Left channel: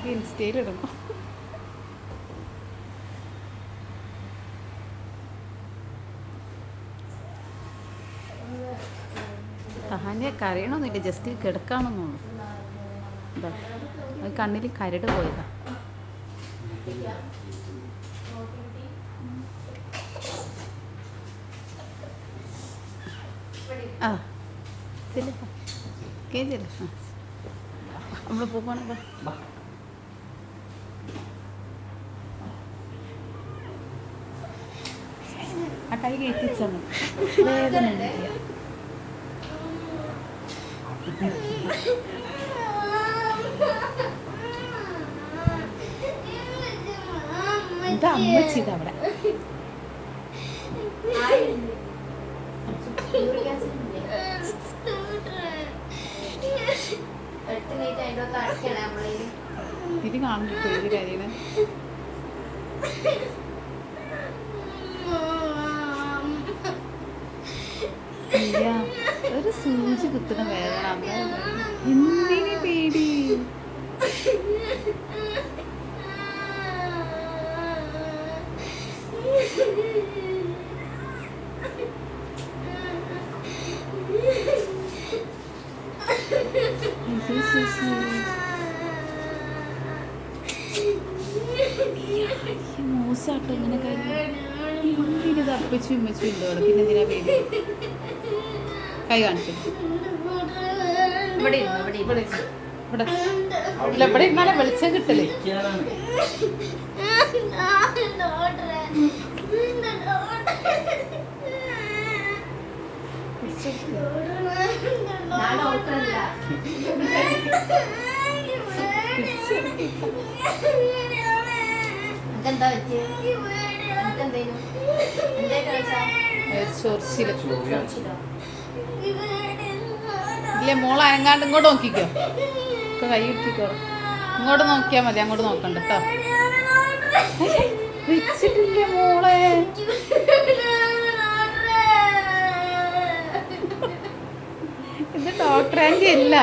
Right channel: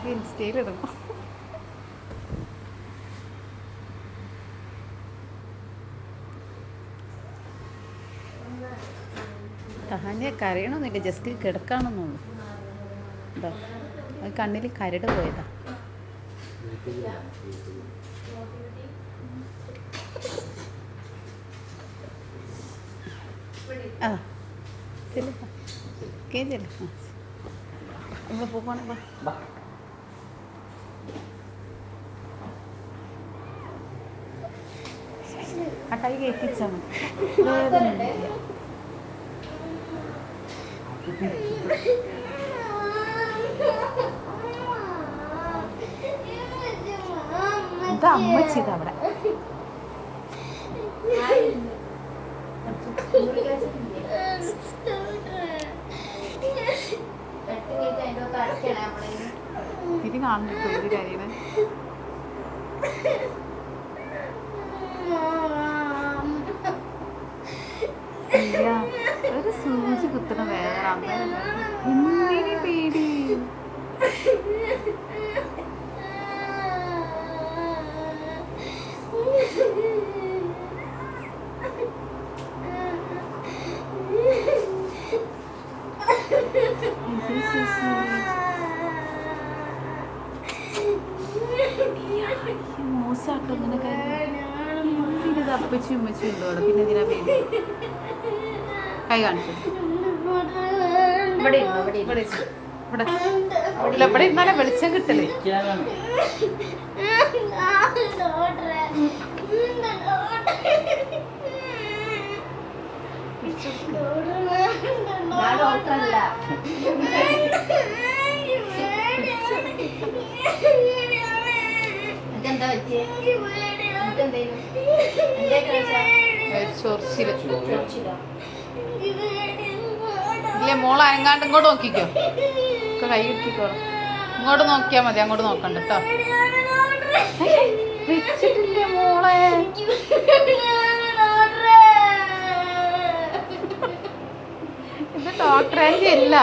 നമുക്ക് ഇൻസ്റ്റയിലിടണം. തഹാൻ്റെ കരയണമെന്നില്ല, ജസ്റ്റ് കിടക്കാണെന്നുള്ളൂ. എന്താ അത് കണ്ണിൽ കരട് പോയതാ. ആ ചെല്ല കേഞ്ചല്ല, നമ്മൾ പോകണം. ആ കൈ കയറ്റിച്ചാൽ മതി, വേദന എന്താ അമ്മച്ചിത് അവിടെ. ഇത് കാണുന്നില്ല ഒരു കാര്യങ്ങൾ. ഇല്ല, ഒരു സൂചി കുത്തുന്ന വേദന. എന്തിനു പേടി? മോശമാട്ടോ ഇങ്ങനെ കാര്യം. അപ്പച്ചും ഉമ്മച്ചും ഉണ്ടോ അവിടെ? പിന്നെ എന്തിനാ പേടി? കൈ കാണിച്ചു ഇവിടെ ഇവിടെ ഇവിടെ ഇരുന്നാലേ വെളിച്ചം കിട്ടല്. മോള് അനങ്ങാണ്ട് ഇങ്ങോട്ട് നോക്കിക്കോ, കൈ ഇട്ടിക്കോ. ഇങ്ങോട്ട് നോക്കിയാൽ മതി, അങ്ങോട്ട് നോക്കണ്ട കേട്ടോ. വെച്ചിട്ടില്ലേ മോളെ? ഇത് ഡോക്ടർ ആൻറ്റി അല്ല.